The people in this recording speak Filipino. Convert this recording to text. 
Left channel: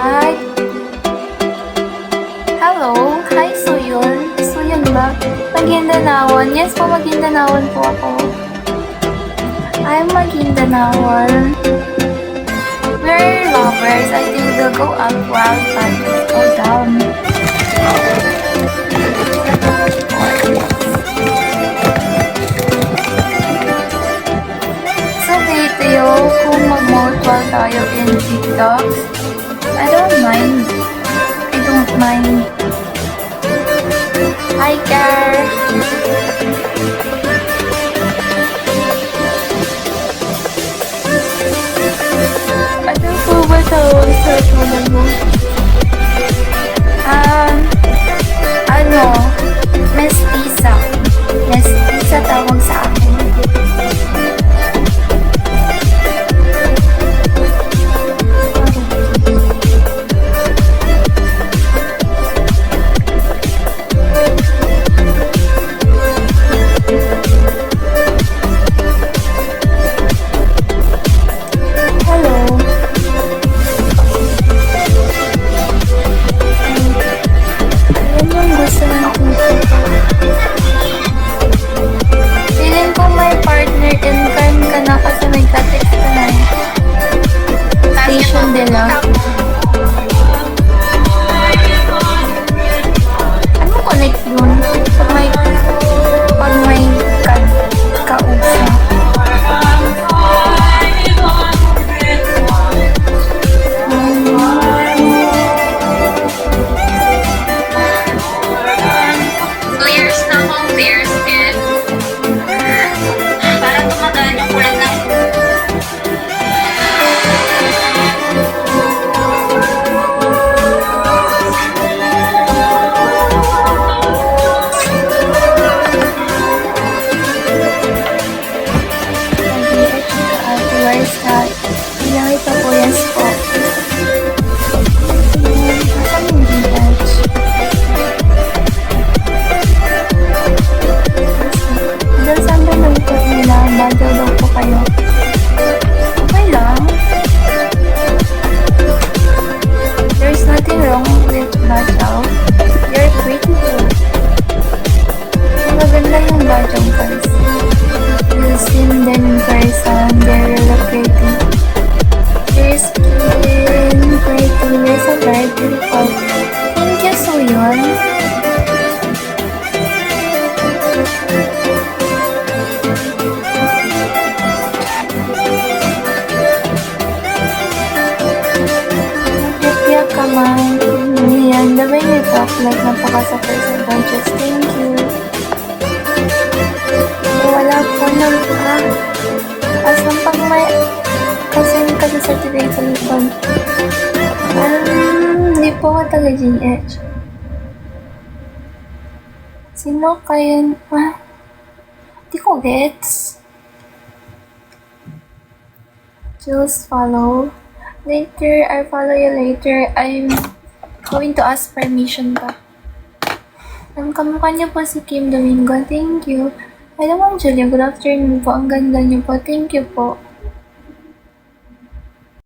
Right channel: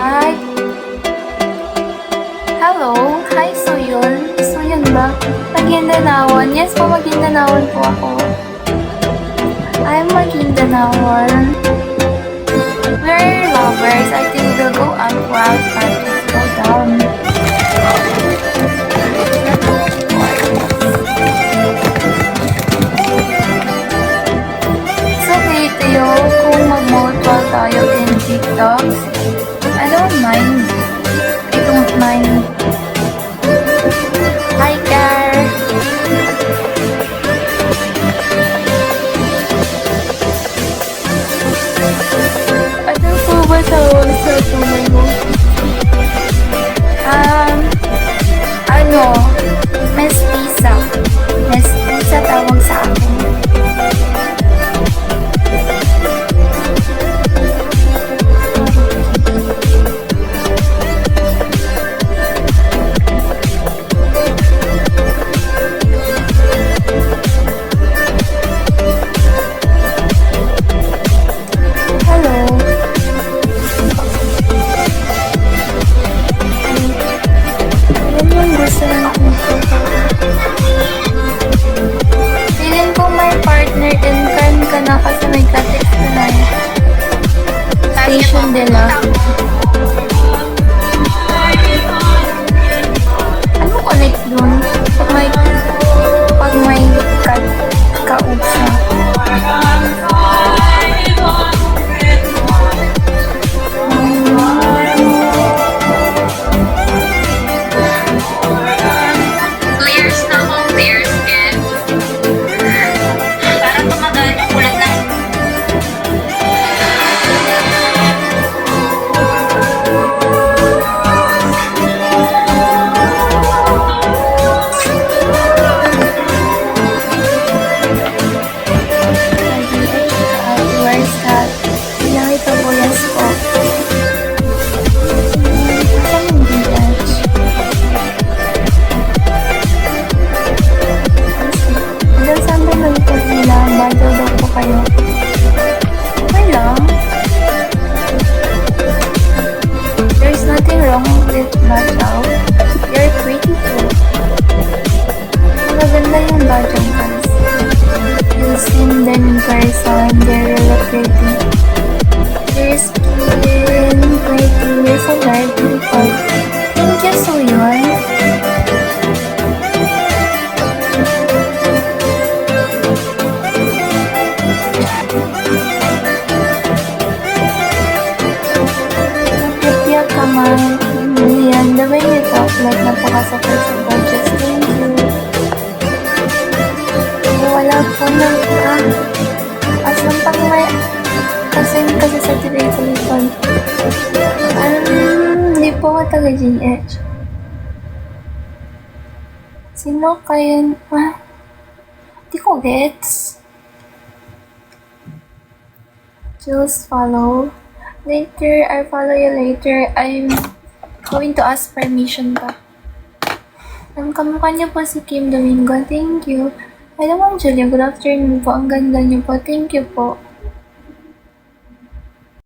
Hi. Hello. Hi, Suyun. Suyun ba? Maguindanaon. Yes po, Maguindanaon po ako. I'm Maguindanaon. We're lovers. I think we'll go up while parties go down. It's okay to you kung mag-mode while tayo in TikToks. I don't mind. I don't mind. Hi, Car. Ano po ba tawag sa tunay mo? Mestiza. Mestiza tawag sa akin. Hello. Ayan yung gusto ng puso ko. Feeling ko may partner in crime ka na kasi may ka-text ka na eh. Station nila. Ano connect dun? Pag may ka-ubsa. Layers na akong bare skin. Para tumagal yung kulay ng... Where's that? Ilang ito po, yes po. Asan yung DH? Hanggang saan ba nagkot nila? Badyaw daw po kayo. Okay lang. There's nothing wrong with badyaw. You're pretty too. Magaganda yung badyaw, guys. You've seen them in person, they're really pretty. Your skin, pretty, you're so very beautiful. Thank you, Suyun. Tripya ka man. Yan, the way you talk like napaka-super sa budget. Thank you. Wala po ng, asan pang may, kasi certificate sa likod. Hindi po ako taga-GH. Sino kayo, di ko gets. Just follow. Later, I'll follow you later. I'm going to ask permission pa. Ang kamukha niyo po si Kim Domingo. Thank you. Hello, Ma'am Julia. Good afternoon po. Ang ganda niyo po. Thank you po.